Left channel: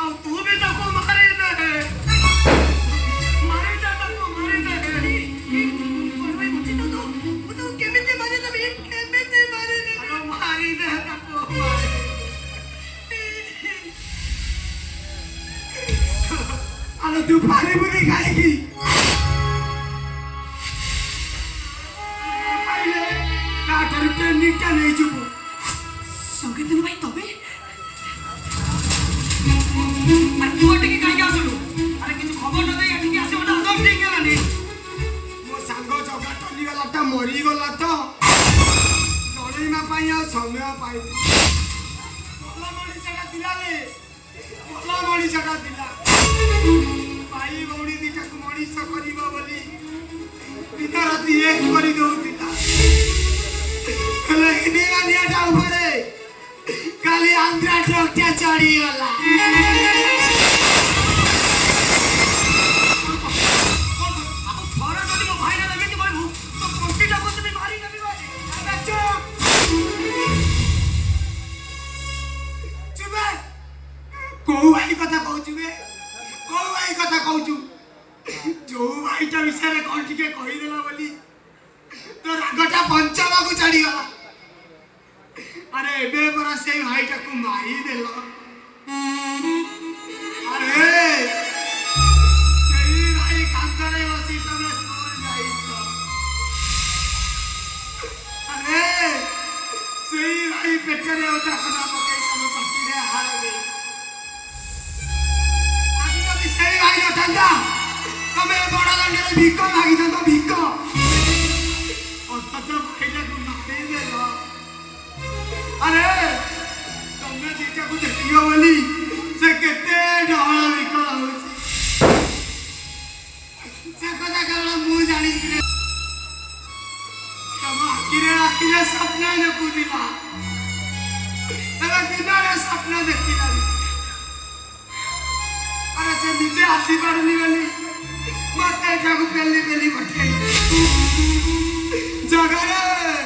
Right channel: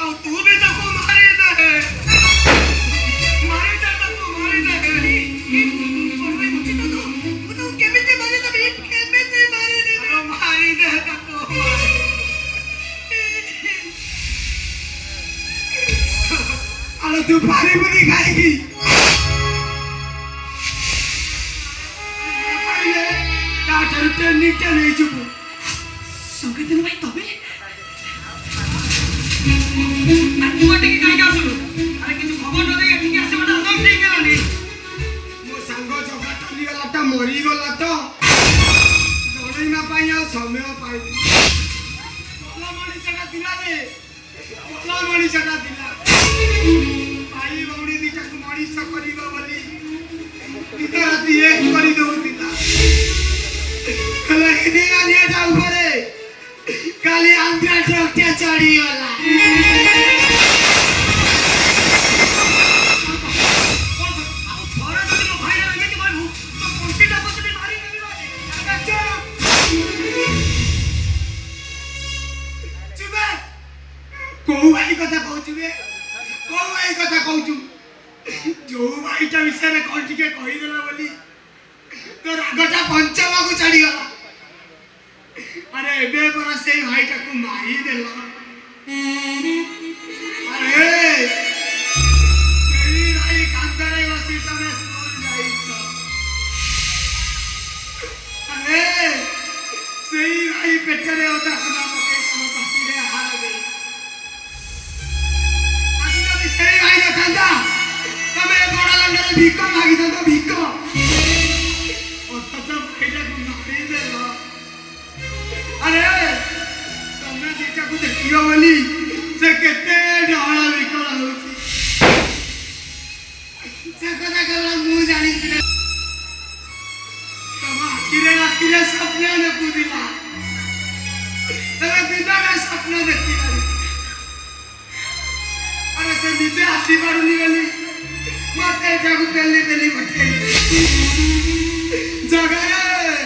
और तू भी तो को मारे दे मारे दे तो को मारे दे और मैं मुझे तो केमिति मारे दे केमिति मारे दे अरे मारी दे तो को अरे तू भारी बुरी खाएगी नीचा नहीं चुप संगे दिन भाई तबे अरे तू टिके काई का सुनो अरे किछु खबर न दे एठी आसे ओटा अदम नहीं गेला ने मो संग जगा टली गला त मरी गला त जोड़ी ना पाइया समय पाई बोला मणि छटा दिला रे बोला मणि छटा दिला भाई बौड़ी दिका मणि छ करिबो बोली दिता राती एक करी दो दिता काली आंध्रा टोक्या चढ़ी वाला कोउ भाई कथा कहउछु बे कोउ भाई कथा कहउछु जो भाईटा विषय रे कोन टिके कहि देला बोली तो रागटा पंचमा को चढ़ी गला अरे बे बरा से भाईटा को मारी देला अरे तेरी भाई कांतारे वसी तने स्कूल जाई छ अरे सेही भाई पेचरे होता खुला पके तम पतिरे हार गई आज तो सेही भाई न ठंडा तमे बड़ा लंडे भीख मागी दो भीख और पता भाईटा को मारी देला अरे तुमने देखा को देखियो वाली से केते ढाला विकल होची से कथा कहला मु जानि छिले तमा आखिरे सपना न कुदिला तला दिनारे सपना देखिला अरे से नीचे आसी पड़नी वाली मते जागु पेली पेली पठे जगा रे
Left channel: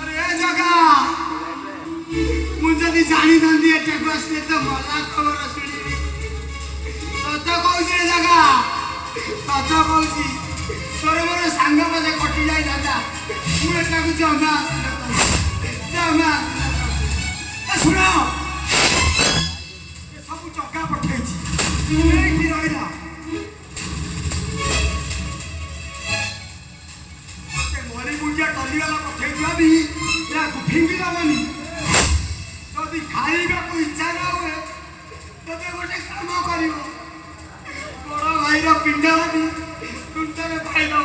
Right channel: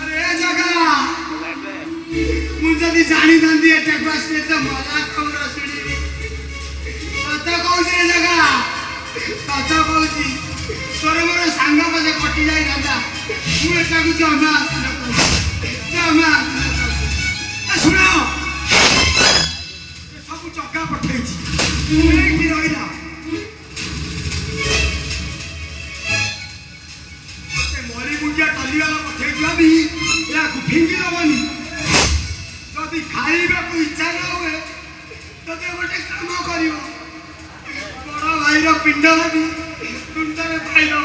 अरे जगा मुझे भी जानी दंदी है टेक्स में तो मजा खबर सुनी पता कौन रे जगा पता कौन तोरे मोरे सांग बजे कटि जाई राजा तू एटा को जमा सुनो ये सब चक्का पठे छी नहीं की रहिला ते मोरी मुंजा टली वाला पठे जबी या फिंगी दबनी जदी खाइबे को इच्छा न होवे तते गोटे काम करिवो बड़ा भाईर पिंड भी तुंडे खाइलो